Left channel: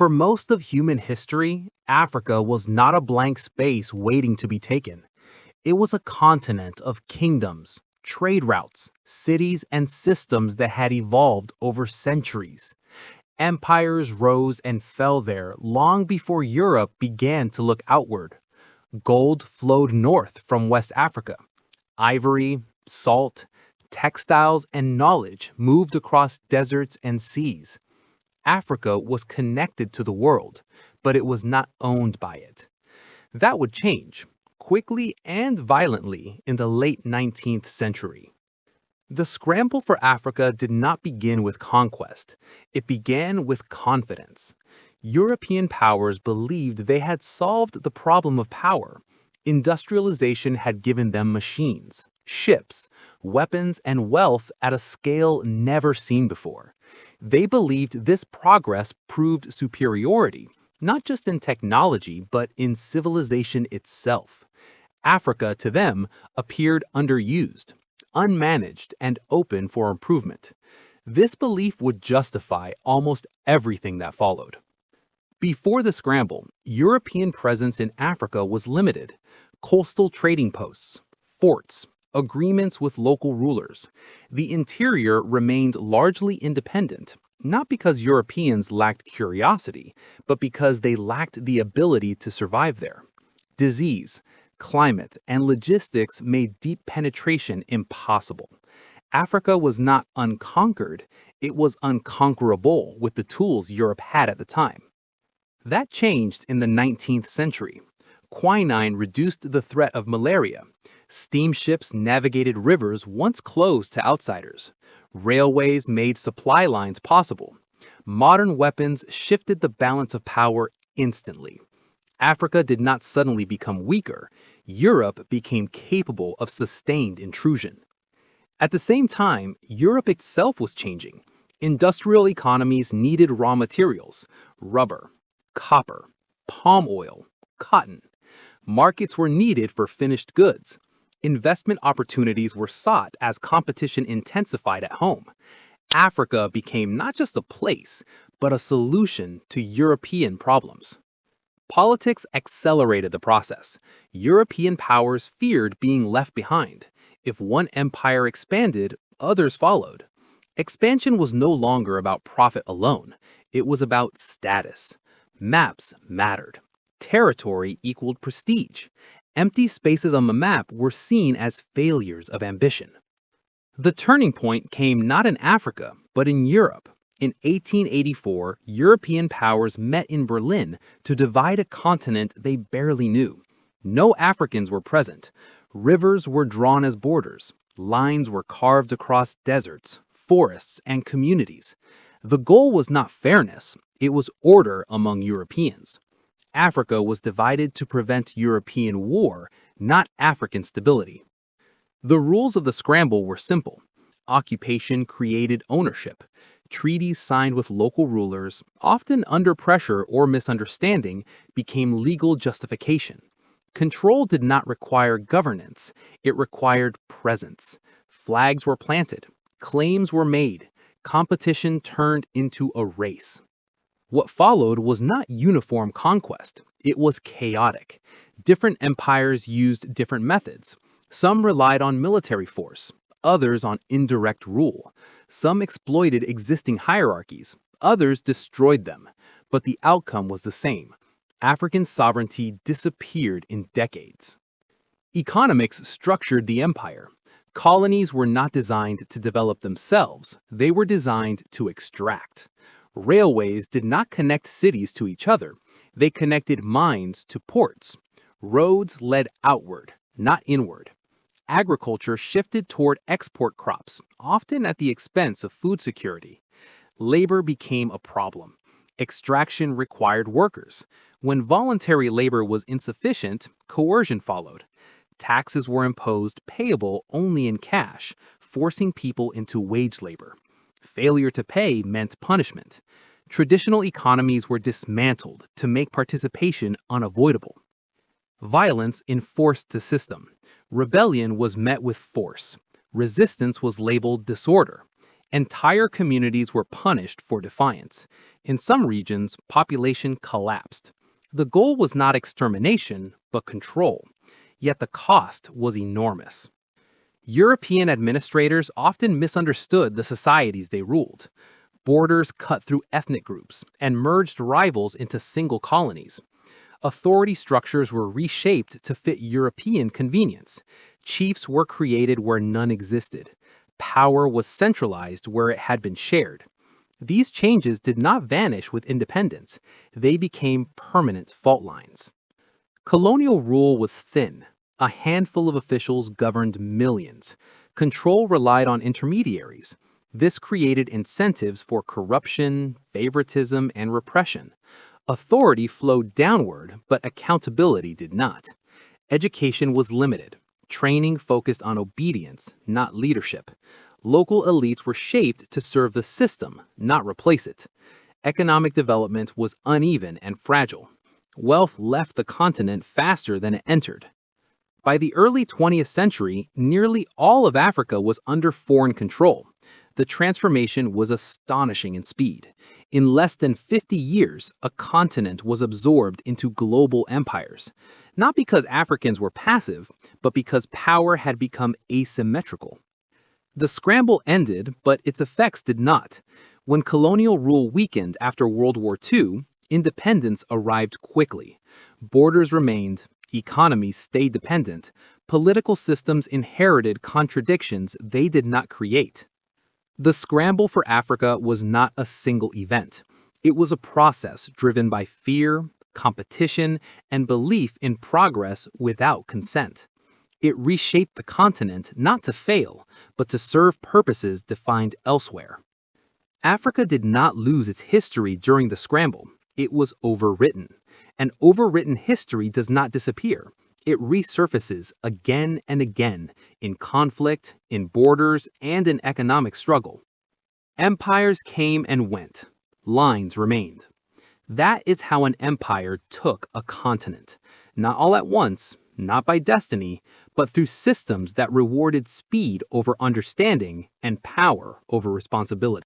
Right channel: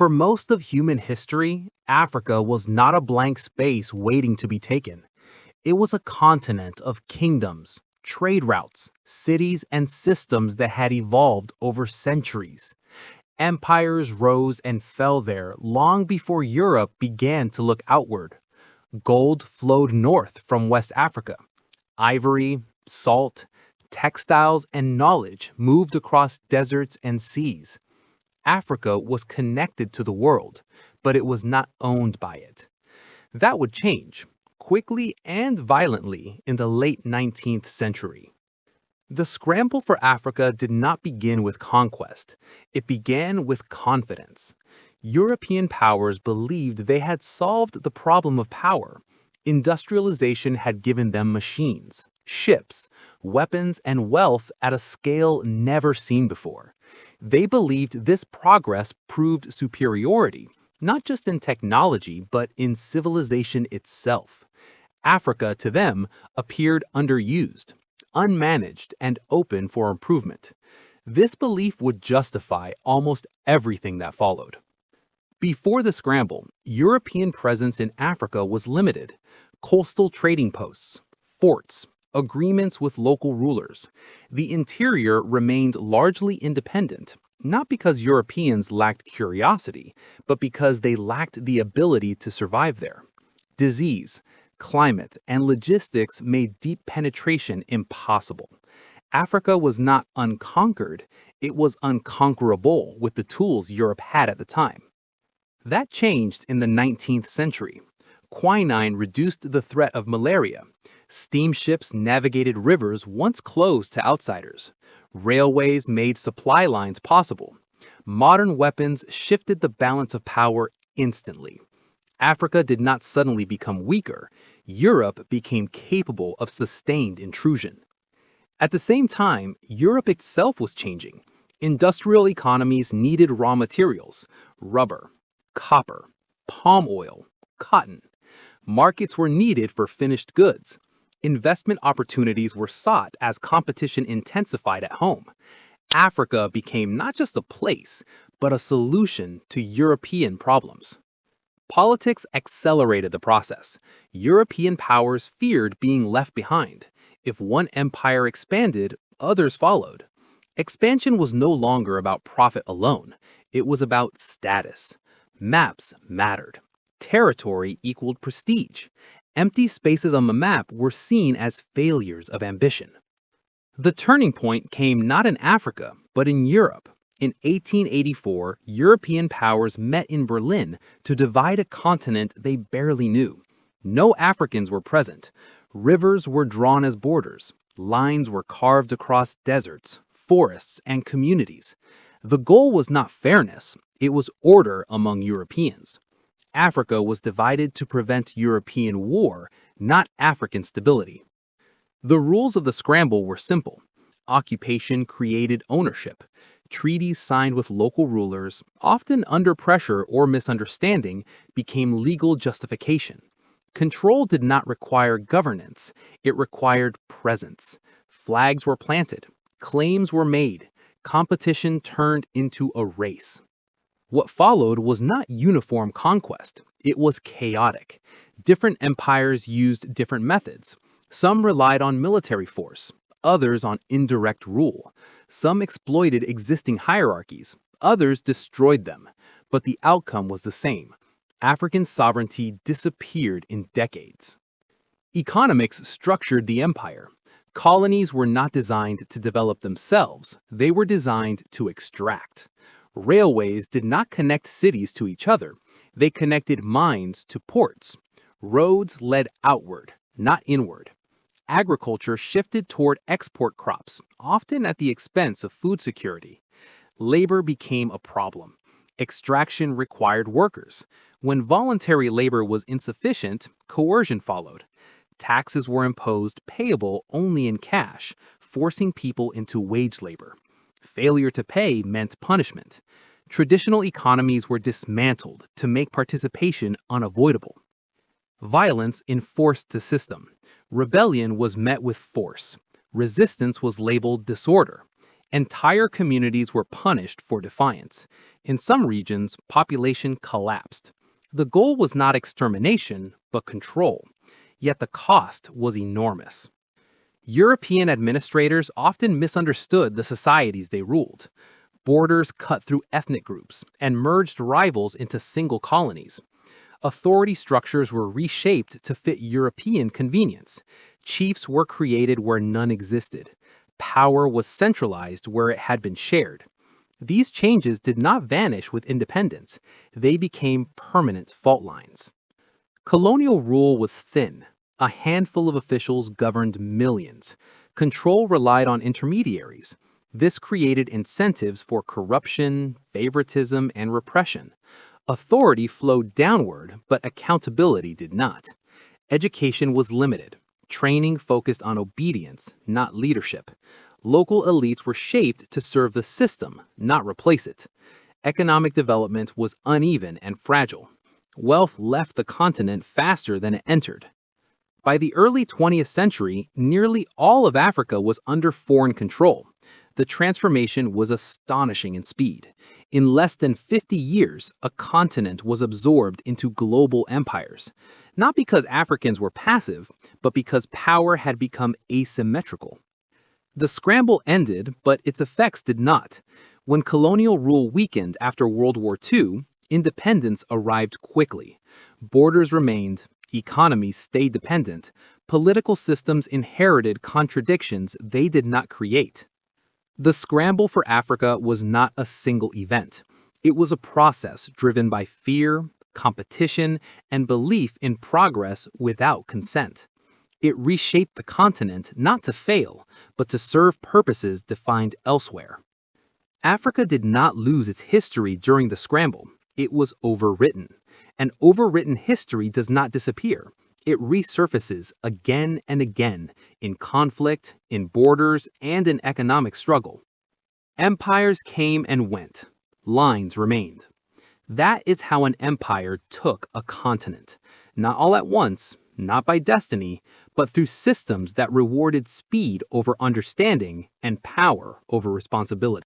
For most of human history, Africa was not a blank space waiting to be taken. It was a continent of kingdoms, trade routes, cities, and systems that had evolved over centuries. Empires rose and fell there long before Europe began to look outward. Gold flowed north from West Africa. Ivory, salt, textiles, and knowledge moved across deserts and seas. Africa was connected to the world, but it was not owned by it. That would change, quickly and violently, in the late 19th century. The scramble for Africa did not begin with conquest. It began with confidence. European powers believed they had solved the problem of power. Industrialization had given them machines, ships, weapons, and wealth at a scale never seen before. They believed this progress proved superiority, not just in technology, but in civilization itself. Africa, to them, appeared underused, unmanaged, and open for improvement. This belief would justify almost everything that followed. Before the scramble, European presence in Africa was limited. Coastal trading posts, forts, agreements with local rulers. The interior remained largely independent, not because Europeans lacked curiosity, but because they lacked the ability to survive there. Disease, climate, and logistics made deep penetration impossible. Africa was not unconquered, it was unconquerable with the tools Europe had at the time. That changed in the 19th century. Quinine reduced the threat of malaria. Steamships navigated rivers once closed to outsiders. Railways made supply lines possible. Modern weapons shifted the balance of power instantly. Africa did not suddenly become weaker. Europe became capable of sustained intrusion. At the same time, Europe itself was changing. Industrial economies needed raw materials: rubber, copper, palm oil, cotton. Markets were needed for finished goods. Investment opportunities were sought as competition intensified at home. Africa became not just a place, but a solution to European problems. Politics accelerated the process. European powers feared being left behind. If one empire expanded, others followed. Expansion was no longer about profit alone. It was about status. Maps mattered. Territory equaled prestige. Empty spaces on the map were seen as failures of ambition. The turning point came not in Africa, but in Europe. In 1884, European powers met in Berlin to divide a continent they barely knew. No Africans were present. Rivers were drawn as borders. Lines were carved across deserts, forests, and communities. The goal was not fairness, it was order among Europeans. Africa was divided to prevent European war, not African stability. The rules of the scramble were simple. Occupation created ownership. Treaties signed with local rulers, often under pressure or misunderstanding, became legal justification. Control did not require governance, it required presence. Flags were planted, claims were made, competition turned into a race. What followed was not uniform conquest, it was chaotic. Different empires used different methods. Some relied on military force, others on indirect rule. Some exploited existing hierarchies, others destroyed them. But the outcome was the same. African sovereignty disappeared in decades. Economics structured the empire. Colonies were not designed to develop themselves, they were designed to extract. Railways did not connect cities to each other, they connected mines to ports. Roads led outward, not inward. Agriculture shifted toward export crops, often at the expense of food security. Labor became a problem. Extraction required workers. When voluntary labor was insufficient, coercion followed. Taxes were imposed payable only in cash, forcing people into wage labor. Failure to pay meant punishment. Traditional economies were dismantled to make participation unavoidable. Violence enforced the system. Rebellion was met with force. Resistance was labeled disorder. Entire communities were punished for defiance. In some regions, population collapsed. The goal was not extermination, but control. Yet the cost was enormous. European administrators often misunderstood the societies they ruled. Borders cut through ethnic groups and merged rivals into single colonies. Authority structures were reshaped to fit European convenience. Chiefs were created where none existed. Power was centralized where it had been shared. These changes did not vanish with independence. They became permanent fault lines. Colonial rule was thin. A handful of officials governed millions. Control relied on intermediaries. This created incentives for corruption, favoritism, and repression. Authority flowed downward, but accountability did not. Education was limited. Training focused on obedience, not leadership. Local elites were shaped to serve the system, not replace it. Economic development was uneven and fragile. Wealth left the continent faster than it entered. By the early 20th century, nearly all of Africa was under foreign control. The transformation was astonishing in speed. In less than 50 years, a continent was absorbed into global empires. Not because Africans were passive, but because power had become asymmetrical. The scramble ended, but its effects did not. When colonial rule weakened after World War II, independence arrived quickly. Borders remained, economies stayed dependent, political systems inherited contradictions they did not create. The scramble for Africa was not a single event. It was a process driven by fear, competition, and belief in progress without consent. It reshaped the continent not to fail, but to serve purposes defined elsewhere. Africa did not lose its history during the scramble. It was overwritten. And overwritten history does not disappear. It resurfaces again and again in conflict, in borders, and in economic struggle. Empires came and went. Lines remained. That is how an empire took a continent. Not all at once, not by destiny, but through systems that rewarded speed over understanding and power over responsibility.